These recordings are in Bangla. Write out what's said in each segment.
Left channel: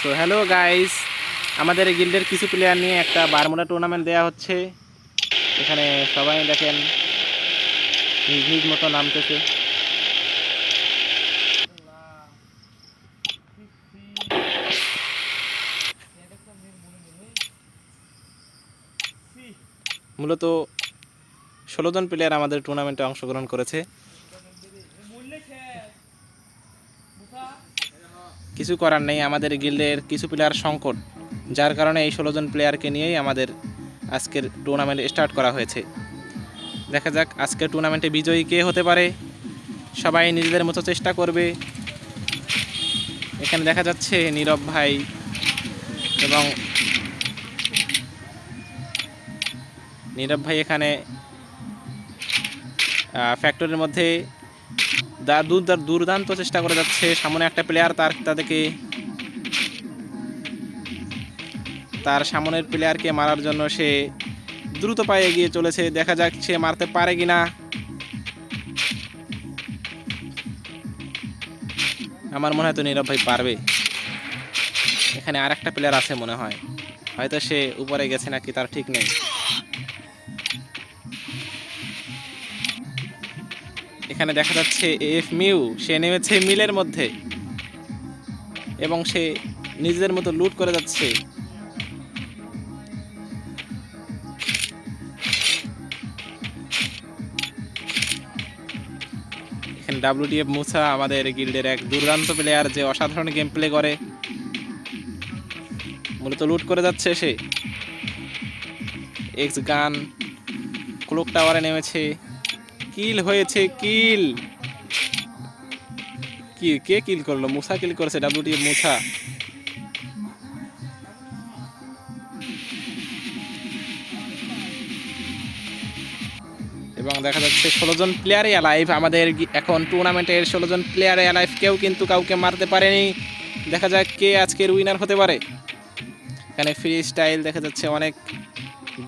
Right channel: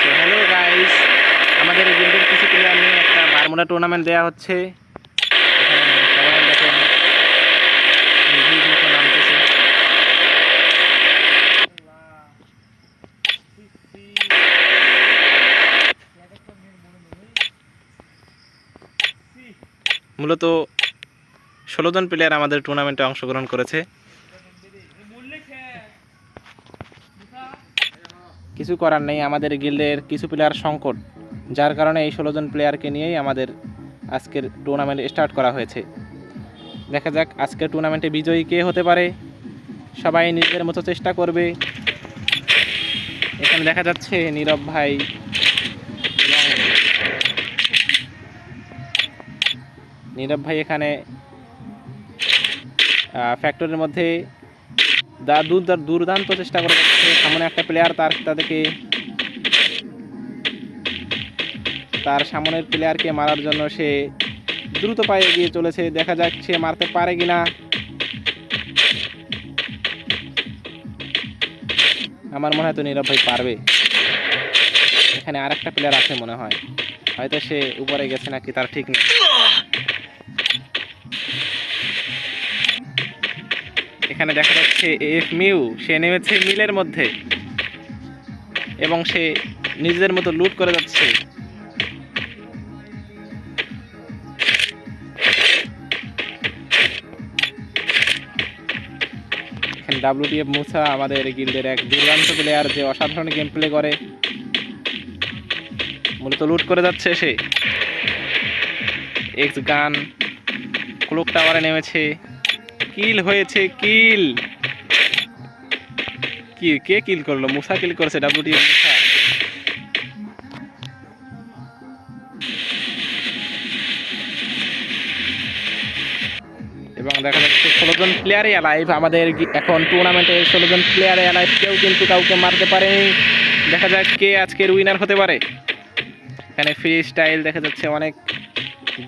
সো হ্যালো গাইস, আমাদের গিল্ডের কিছু প্লেয়ার নিয়ে একটা বারমুডা টুর্নামেন্ট দেওয়া হচ্ছে। এখানে সবাই দেখেন নিজ নিজ মতো নামতেছে। মূলত 16 জন প্লেয়ার আমাদের টুর্নামেন্টে অংশগ্রহণ করেছে। কিছু করার নেই, আমাদের গিল্ডের কিছু প্লেয়ার সংকট, যার কারণে এই 16 জন প্লেয়ারকে নিয়েই আমাদের আজকের টুর্নামেন্ট স্টার্ট করা হয়েছে। দেখা যাক আজকের টুর্নামেন্টে বিজয়ী কে হতে পারে। সবাই নিজেদের মতো চেষ্টা করবে। এখানে দেখা যাচ্ছে নীরব ভাই এবং নীরব ভাই এখানে ফ্যাক্টরির মধ্যে দুর্দান্ত চেষ্টা করে যাচ্ছে। সামনে একটা প্লেয়ার তার সামনের প্লেয়ারকে মারার জন্য সে দ্রুত পায়ে এগিয়ে চলেছে। দেখা যাক সে মারতে পারে কিনা। আমার মনে হয় তো নীরব ভাই পারবে। এখানে আর একটা প্লেয়ার আছে মনে হয়, হয়তো সে উপরে গেছে নাকি তার ঠিক নেই। এখানে দেখা যাচ্ছে এফ মিউ, সে নেমেছে মিলের মধ্যে এবং সে নিজেদের মতো লুট করে যাচ্ছে। এখানে ডাব্লিউটিএফ মুসা আমাদের গিল্ডের এক দুর্দান্ত প্লেয়ার, যে অসাধারণ গেম প্লে করে, মূলত লুট করে যাচ্ছে সে। এক্স গান ক্লক টাওয়ারে নেমেছে, কিল হয়েছে, কিল কে কিল করলো? মুসা কিল করেছে, ডাব্লিউটিএফ মুসা। এবং দেখা যাচ্ছে 16 জন প্লেয়ারই অ্যালাইভ আমাদের এখন টুর্নামেন্টের। 16 জন প্লেয়ারে অ্যালাইভ, কেউ কিন্তু কাউকে মারতে পারেনি। দেখা যাক কে আজকের উইনার হতে পারে। এখানে ফ্রি স্টাইল দেখা যাচ্ছে অনেক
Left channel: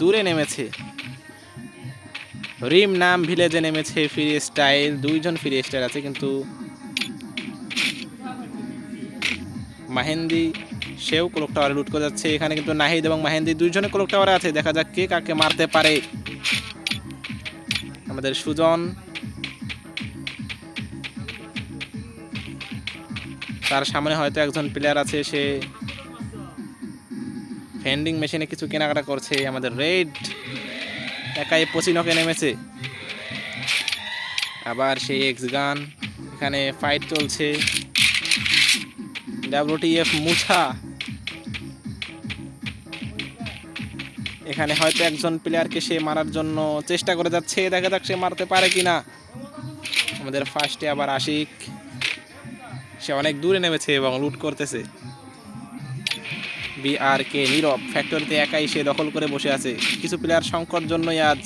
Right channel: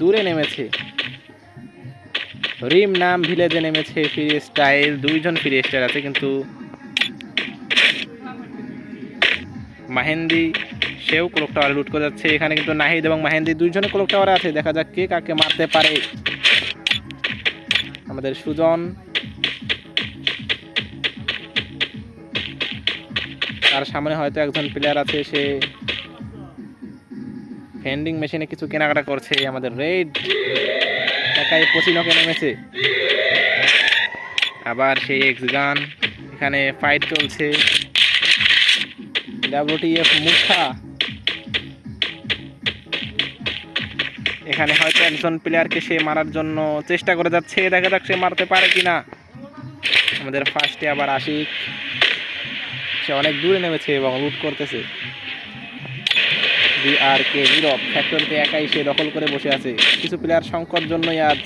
দূরে নেমেছে, রিম নাম ভিলেজে নেমেছে ফ্রি স্টাইল। 2 জন ফ্রি স্টাইল আছে, কিন্তু মাহেন্দি সেও ক্লক টাওয়ারে লুট করে যাচ্ছে। এখানে কিন্তু নাহিদ এবং মাহেন্দি 2 জনে ক্লক টাওয়ারে আছে। দেখা যাক কে কাকে মারতে পারে। আমাদের সুজন, তার সামনে হয়তো একজন প্লেয়ার আছে, সে ভেন্ডিং মেশিনে কিছু কেনাকাটা করছে। আমাদের রেড একাই পচিনকে নেমেছে। আবার সেই এক্স গান, এখানে ফাইট চলছে। ডাব্লিউটিএফ মুছা, এখানে হয়তো একজন প্লেয়ারকে সে মারার জন্য চেষ্টা করে যাচ্ছে। দেখা যাক সে মারতে পারে কিনা। আমাদের ফার্স্টে আবার আশিক, সে অনেক দূরে নেমেছে এবং লুট করতেছে। বিআরকে নীরব ফ্যাক্টরিতে একাই সে দখল করে বসে আছে। কিছু প্লেয়ার সংকট জন্যই আজ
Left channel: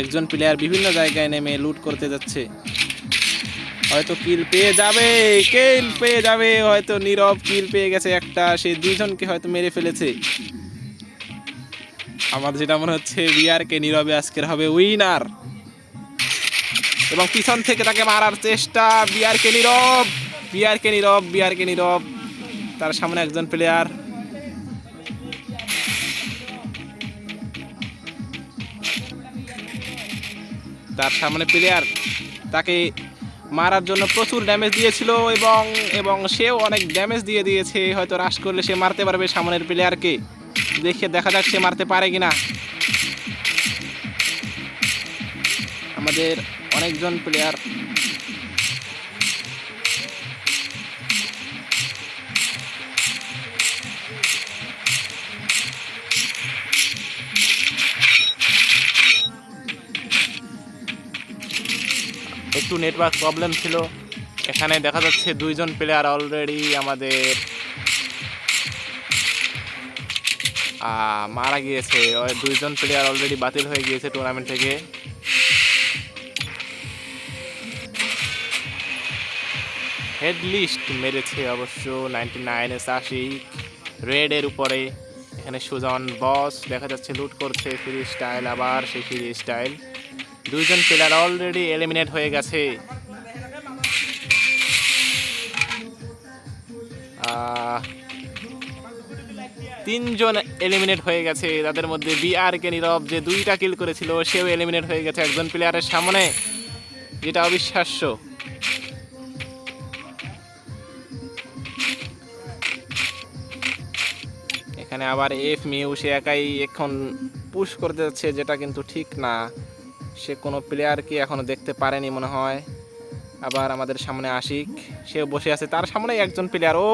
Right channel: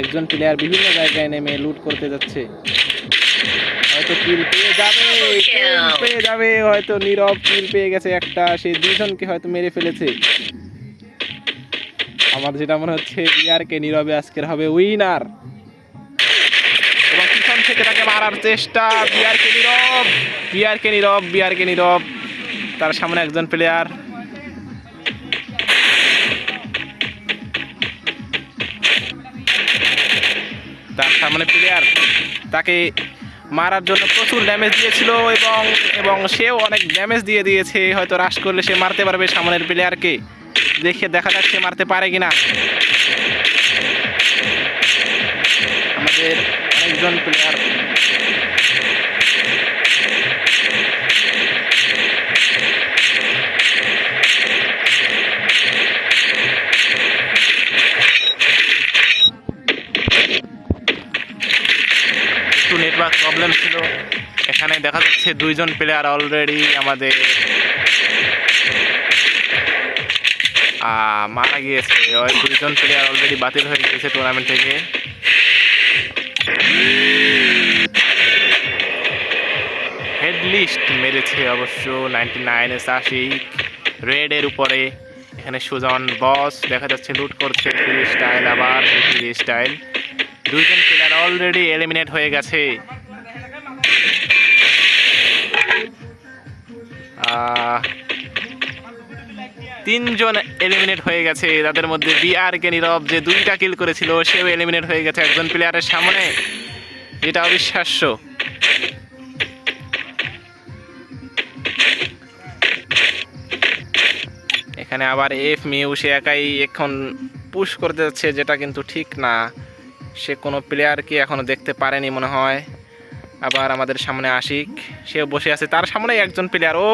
একজন প্লেয়ার বিভিন্ন জায়গায় নেমে লুট করতে যাচ্ছে। হয়তো কিল পেয়ে যাবে, হয়তো নীরব কিল পেয়ে গেছে একটা। সে 2 জনকে হয়তো মেরে ফেলেছে। আমার যেটা মনে হচ্ছে বিআরকে নীরবে আজকের হবে উইনার। এবং পিছন থেকে তাকে মারার চেষ্টা। বিআরকে নীরব, তার সামনে একজন প্লেয়ার। তার সামনে প্লেয়ার তাকে মারার জন্য প্রচুর ড্যামেজ দিয়েছিল এবং সেও অনেক ড্যামেজ দিয়েছে। হয়তো রাশ করলে সে মারতে পারবে সামনের প্লেয়ারকে। দেখা যাক সে মারতে পারে কিনা। আমাদের অনেকজন প্লেয়ার একটু নেটওয়ার্ক প্রবলেম ছিল। এখানে দেখা যাচ্ছে 2 জন প্লেয়ার অলরেডি আমাদের মারা গিয়েছে। 2 জন প্লেয়ার অলরেডি বাতিল হয়ে গিয়েছে টুর্নামেন্ট থেকে। হেডলিস্ট মেরেছে অবশ্য 99 আশিক রেডের উপরে। এখানে সুজন বস দেখা যাচ্ছে লুট করছে। ফ্রি স্টাইল, আবার সেই ফ্রি স্টাইল। 2 জন প্লেয়ার অলরেডি এলিমিনেট হয়ে গেছে। তিনজন এলিমিনেট হয়ে গেছে। তাদের মধ্যে বিআরকে নীরব যে 2টা কিল করেছিল সেও এলিমিনেট হয়ে গেছে একজন প্লেয়ারের সামনে, যেটা অবিশ্বাস্য। এখানে আবার এফ মিউ সে একাই এখন পুশ করতে যাচ্ছে, যেটা কিন্তু ঠিক না। সে কোনো প্লেয়ারকে এখনো দেখতে পারেনি মনে হয়। আবার আমাদের সামনে আশিক, সে বসে আছে, তার সামনেই একজন প্লেয়ার। ও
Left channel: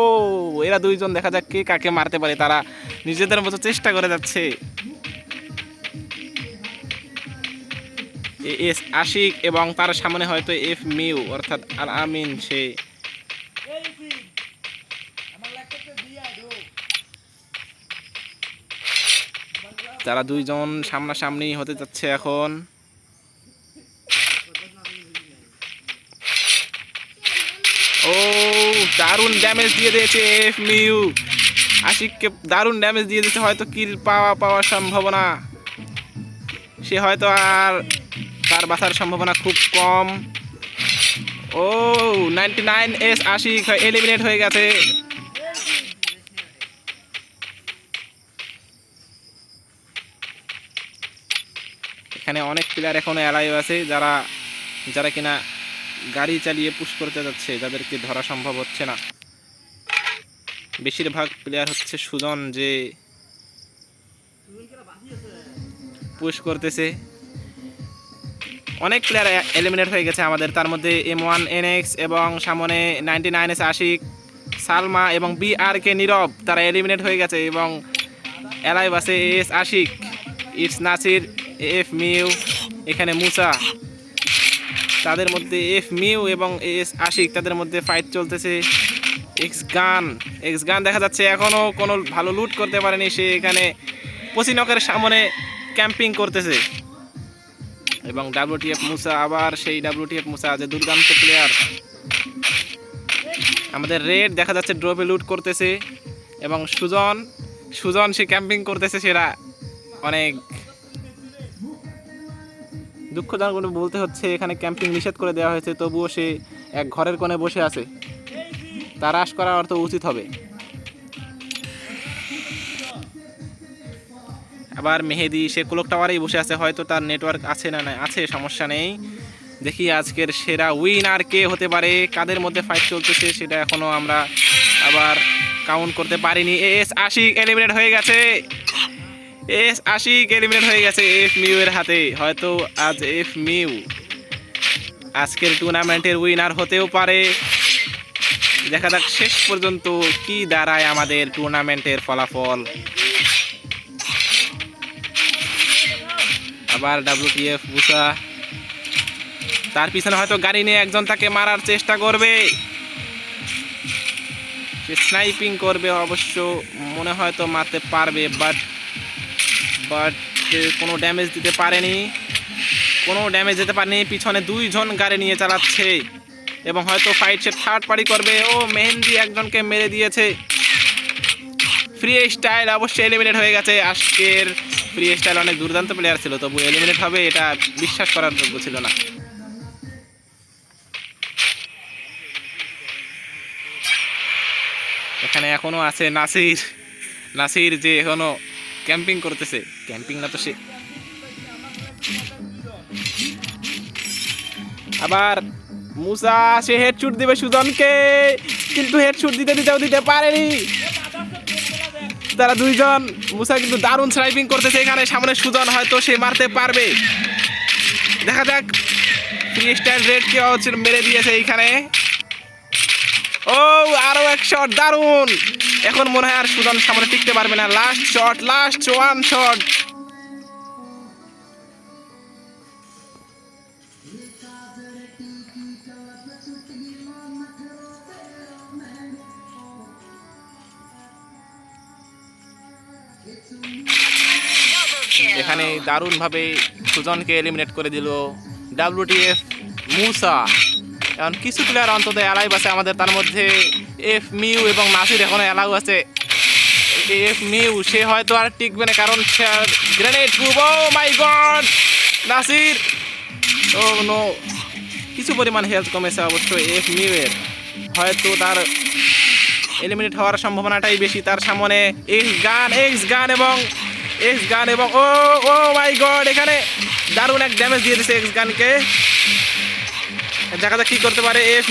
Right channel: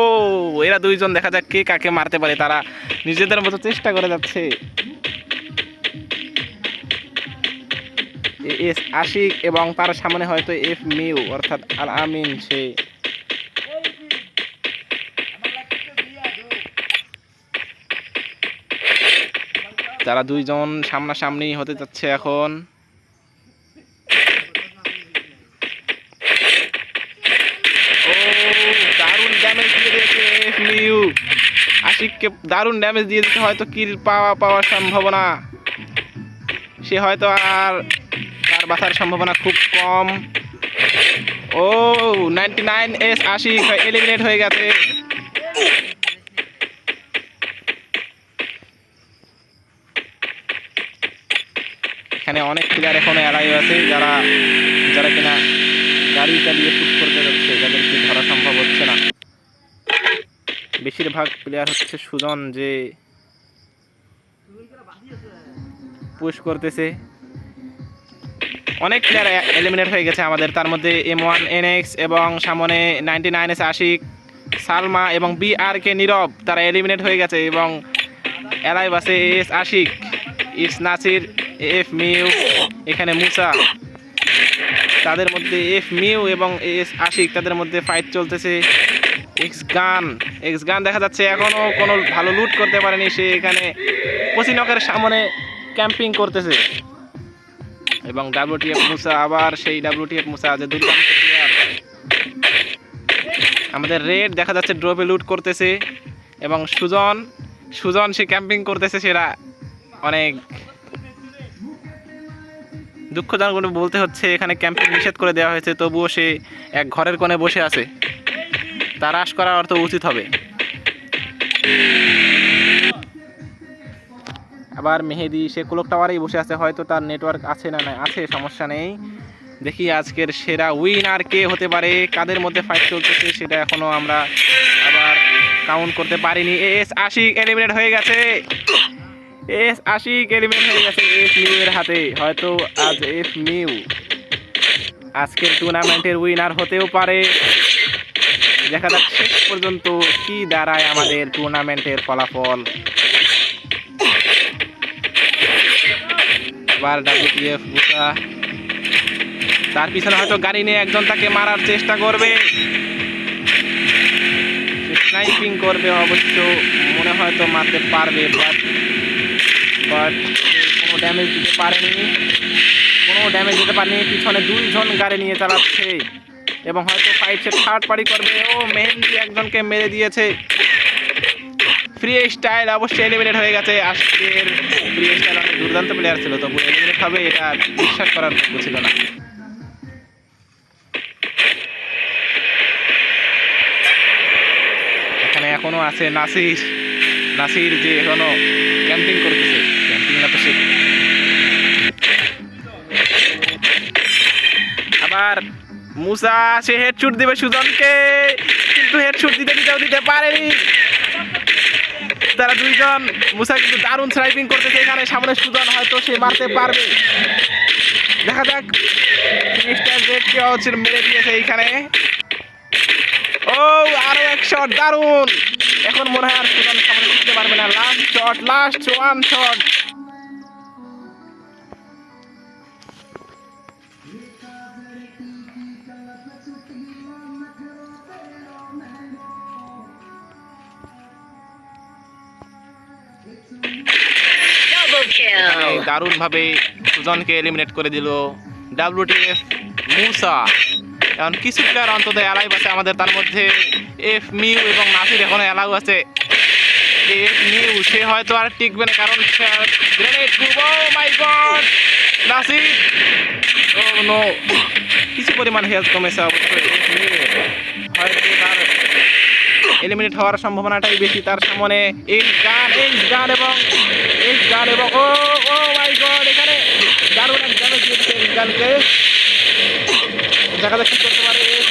এরা দুইজন দেখা যাক কে কাকে মারতে পারে, তারা নিজেদের মতো চেষ্টা করে যাচ্ছে। এস আশিক এবং তার সামনে হয়তো এফ মিউ অর্থাৎ আল আমিন, সে তারা দুইজন সামনাসামনি হতে যাচ্ছে এখন। ও দারুণ ড্যামেজ দিয়ে দিয়েছে এফ মিউ, আশিককে দারুণ ড্যামেজ দিয়ে দিতে, হয়তো কিল পাওয়ার সম্ভাবনা, সে হয়তো আর তার বাঁচার সম্ভাবনা খুব কম। ও 99 এস আশিক এলিমিনেট হয়ে গেছে। এখানে অনেক প্লেয়ার এখনো অ্যালাইভ আছে, যারা কিনা গাড়ি চালিয়ে পুশ করতে যাচ্ছে, যাদেরকে ধরা সম্ভব হচ্ছে না। বেশিরভাগ প্লেয়ার হচ্ছে সুজন, যে পুশ করতেছে। অনেক প্লেয়ার এলিমিনেট হয়ে গেছে আমাদের, তার মধ্যে M1NX এবং সামনে 99 এস আশিক, সালমা এবং বিআরকে নীরব, তারা এলিমিনেট হয়ে গেছে। এবং অ্যালাইভ আছে S Ashiq, it's Nasir, F মিউ, এখানে মুসা। তাদের মধ্যে এফ মিউ এবং এস আশিক, তাদের মধ্যে ফাইট চলতেছে। এক্স গান দেখা যাচ্ছে এখনো কোনো ভালো লুট করতে পারেনি, সে এখানে পচিনকের সামনে ক্যাম্পিং করতেছে। এবং WTF মুসা, আবার সেই WTF মুসা যে দুর্দান্ত প্লেয়ার। আমাদের রেড দেখা যাচ্ছে ড্রপে লুট করতেছে, এবং সুজন সে ক্যাম্পিং করতেছে। সেরা অনেক দুঃখজনক বলতে হচ্ছে, এখানে ক্যাম্পিং নিষেধ করে দেওয়া হয়েছে, তবুও সে এক ঘরের কোণে বসে আছে। তার হ্রাস করা অর্থ উচিত হবে। আবার মেহেদি সে ক্লক টাওয়ারেই বসে আছে, হয়তো তার নেটওয়ার্ক আছে না নাই আছে, সমস্যা নেই। দেখি আজকের সেরা উইনার কে হতে পারে, কাদের মধ্যে ফাইট চলতেছে সেটা এখনো আমরা আবার কাউন্ট করতে পারিনি। এস আশিক এলিমিনেট হয়ে গেছে, এস আশিক এলিমিনেট হয়ে গেছে এফ মিউ এর হাতে। হয়তো আজ এফ মিউ আজকের টুর্নামেন্টের উইনার হতেও পারে। দেখা যাক শেষ পর্যন্ত কি দাঁড়ায় আমাদের টুর্নামেন্টের ফলাফল। আবার WTF মুসা, তার পিছনে হয়তো গাড়ি নিয়ে একজন তাকে মারার চেষ্টা করবে, সে স্নাইপিং করবে, অবশ্য মনে হয়তো মারতে পারবে, বাট কোনো ড্যামেজ দিতে পারেনি, পিছনে দুইজন গাড়ি নিয়ে চালাচ্ছে, এবং হয়তো ফাইট সে থার্ড পার্টি করবে। ও মেহেন্দি একজনকে মেরে দিয়েছে। ফ্রি স্টাইল অবশ্যই এলিমিনেট হয়ে গেছে। আজকের ফ্রি স্টাইল অনেক দুর্দান্ত প্লেয়ার ছিল, তবু এলিমিনেট হবে এটা বিশ্বাস করার যোগ্য ছিল না। এখানে এখনো আছে নাসির যে এখনো ক্যাম্পিং করতেছে, ক্যাম্পিং না তো সে। আবার মুসা সে হেডশুট দিবে সুজনকে, কিন্তু হেডশুট দিতে পারেনি। তারা দুইজন, মুসা কিন্তু দারুণ স্নাইপিং করতেছে, এখানে সামনে সুজন, হয়তো সে মারতে পারবে। দেখা যাক, ফ্রি স্টাইল রেড কে মেরে দিয়েছে এইখানে। ও আরো এক শট, দারুণ। এখন মনে হয় আর সুজন সামনে টিকতে পারবে না। Last one shot. এখানে দারুণ ভাবে সুজনকে এলিমিনেট করে দিল WTF মুসা। এখন কিছু প্লেয়ার অন্তত অ্যালাইভ আছে আমাদের, তার মধ্যে এফ মিউ এবং নাসির এখনো অ্যালাউ আছে। এফ মিউ সে হয়তো আর টিকবে না, কারণ গ্রেনেড প্রুভ। ও মাই গড, নাসির, ও নো, কিছু পরিমাণ হেলথ কমেছে অবশ্যই এফ মিউ এর, হয়তো তার এলিমিনেট হওয়ার সম্ভাবনাটাই বেশি। তার সামনে এইচ গান এবং ও ও মাই গড, এখানে দারুণ এক ড্যামেজ দিয়ে দিয়েছে এইচ গানকে। দেখা যাক কি করতে পারে এফ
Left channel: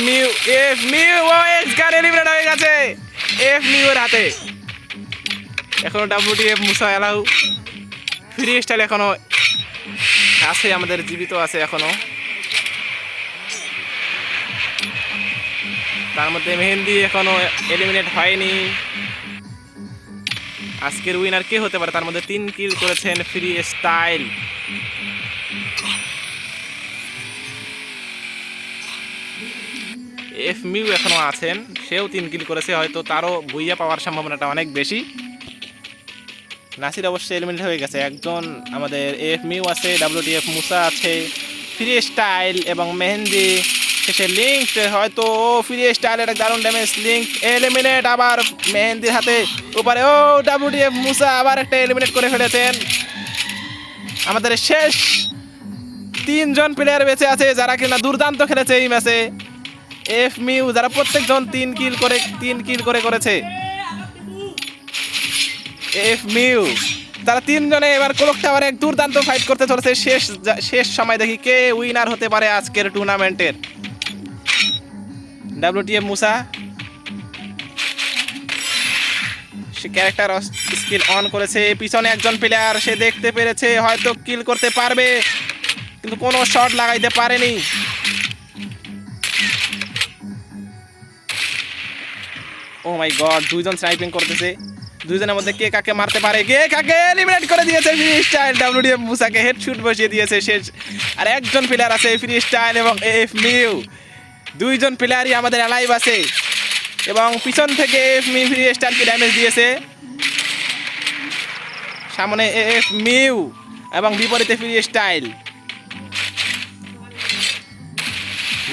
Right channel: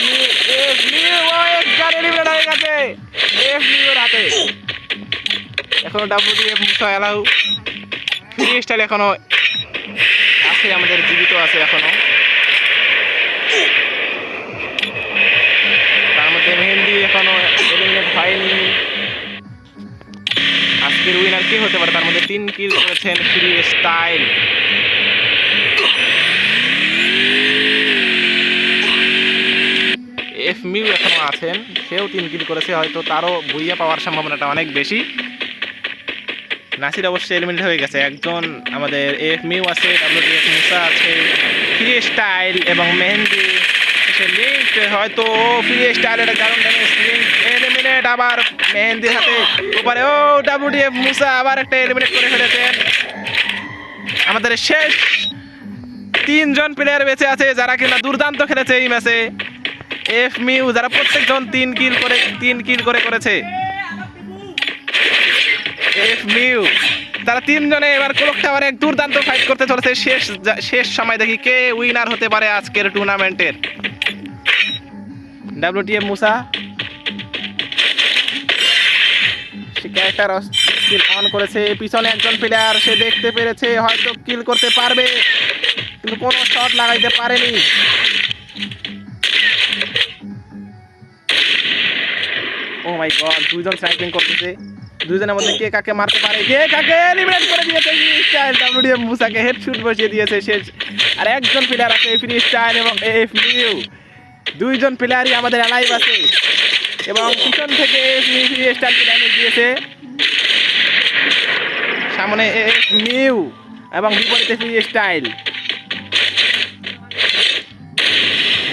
মিউ ও এইচ গান এলিমিনেট হয়ে গেছে এফ মিউ এর হাতে। এখনো WTF মুসা এলাউ ফ্রি স্টাইল এখনো আছে, আমাদের জীবিত আছে এখনো। তার মধ্যে মেহেন্দি এখনো এলিমিনেট হয়নি। আজকের উইনার কে হতে পারে? তার মধ্যে 3 কিল করেছেন ফ্রি স্টাইল। এফ মিউ এখনো আছেন, সেও 3 কিল করেছে, হয়তো তারও ভুইয়া পাওয়ার সম্ভাবনাটা অনেক বেশি। নাসির অবশ্যই এলিমিনেট হয়ে গেছে একজন। আমাদের এফ মিউ আছে, WTF মুসা আছে, ফ্রি স্টাইল এবং মেহেন্দি। শেষে লিঙ্ক হয়তো ফ্রি স্টাইলের দারুণ ড্যামেজ, লিঙ্ক এলিমিনেট। আবার মেহেন্দির হাতে উপরে ও WTF মুসা আবার একটা এলিমিনেট করে ফেলেছেন। আমাদের শেষ 3 জন প্লেয়ার বেঁচে আছে যারা কিনা দুর্দান্ত খেলেছে এই ম্যাচে। এফ মিউ যারা প্রত্যেকজন 3 কিল করে করেছে। এফ মিউ তারা 3 জনে এবার ক্লক টাওয়ারে এক দুর্দান্ত ফাইট করতে চলেছে। শেষ সময় দেখি কে উইনার হতে পারে আজকের টুর্নামেন্টের। WTF Musa say character skill on করেছে। পিছনে একজন প্লেয়ার, সে দেখতে পেরেছে হয়তো কিল করতে পারবে, কিন্তু কোনো শট লাগাইতে পারেনি। ও মাই গড, 2 জন স্নাইপিং করতেছে। 2 জনের মধ্যে কে কাকে মারতে পারে, কে কাকে এলিমিনেট করে দিয়েছে ফ্রি স্টাইল। WTF মুসাকে হেডশুট বসিয়ে দিয়েছে শেষ। আর একজন প্লেয়ার আছে ফ্রি স্টাইল এবং এফ মিউ, 2 জন প্লেয়ারই আমাদের অ্যালাইভ আছে। এবং পিছন থেকে এফ মিউ ফ্রি স্টাইলকে ড্যামেজ দিয়েছে। সামনে এফ মিউ এবং বিপরীতে ফ্রি স্টাইল।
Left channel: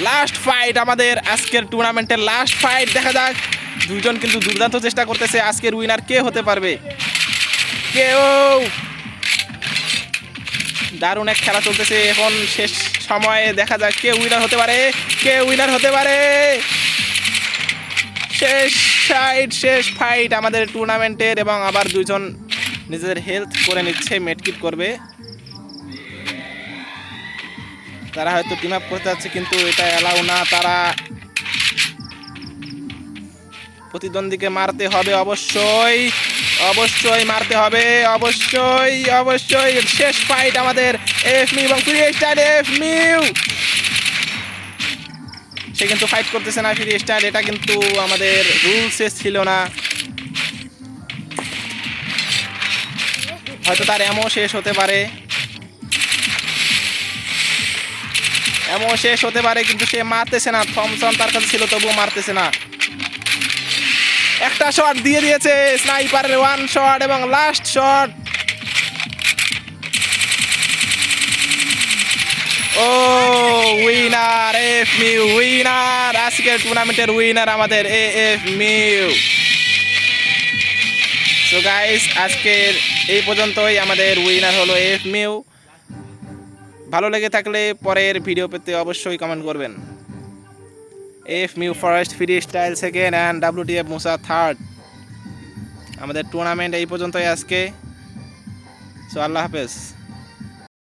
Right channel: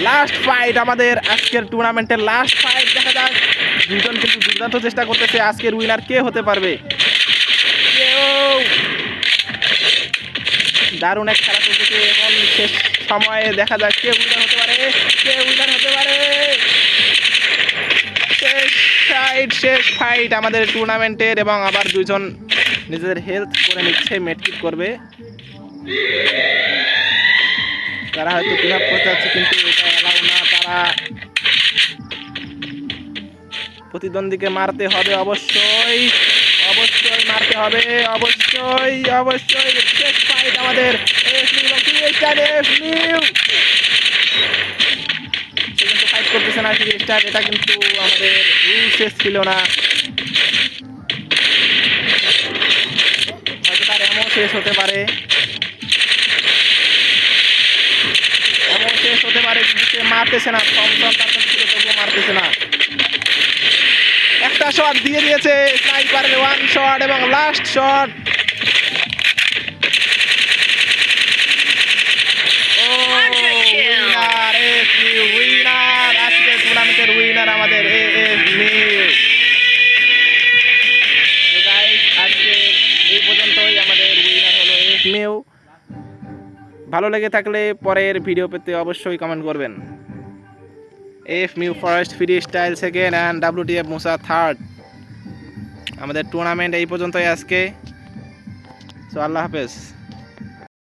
লাস্ট ফাইট আমাদের আজকের টুর্নামেন্টের লাস্ট ফাইট, দেখা যাক। 2 জন কিন্তু দুর্দান্ত চেষ্টা করতেছে। আজকের উইনার কে হতে পারবে? দারুণ এক খেলা চলতেছে এখন, শেষ সময়ে দেখা যাক কে উইনার হতে পারে। শেষ ফাইট আমাদের টুর্নামেন্টের। এবং আবার 2 জন নিজেদের হেলথ করে নিচ্ছে, মেডকিট করবে। তারা হয়তো টিম আপ করতে যাচ্ছে, কিন্তু এটা অ্যালাউ না। তারা প্রতিদ্বন্দ্বীকে মারতে হবে, অবশ্যই মারতে হবে, অবশ্যই। শেষ ফাইট আমাদের এফ মিউ এবং ফ্রি স্টাইল। এফ মিউ সে কিন্তু ফাইট করতেছে না, ফ্রি স্টাইল। এটা কিন্তু আমাদের রুলসে ছিল না। হয়তো তার এমন শেষ হতে পারে, কিন্তু সে মারতেছে না। থমসন তার কাছে ছিল, তবুও মারতেছে না। একটা শট দিয়ে দিয়েছে স্নাইপারের, 1 শট এবং লাস্ট শট। ও উইনার এফ মিউ, উইনার আজকের টুর্নামেন্টের উইনার আমাদের এফ মিউ। সো গাইস, আজকের এই পর্যন্তই। আমাদের উইনার হলো এফ মিউ। ভালো লেগে থাকলে পরের ভিডিও পেতে অবশ্যই কমেন্ট করবেন। F mu first, free style second and WTF Musa third. আমাদের টুর্নামেন্ট এই পর্যন্তই আজকে। সো আল্লাহ হাফেজ।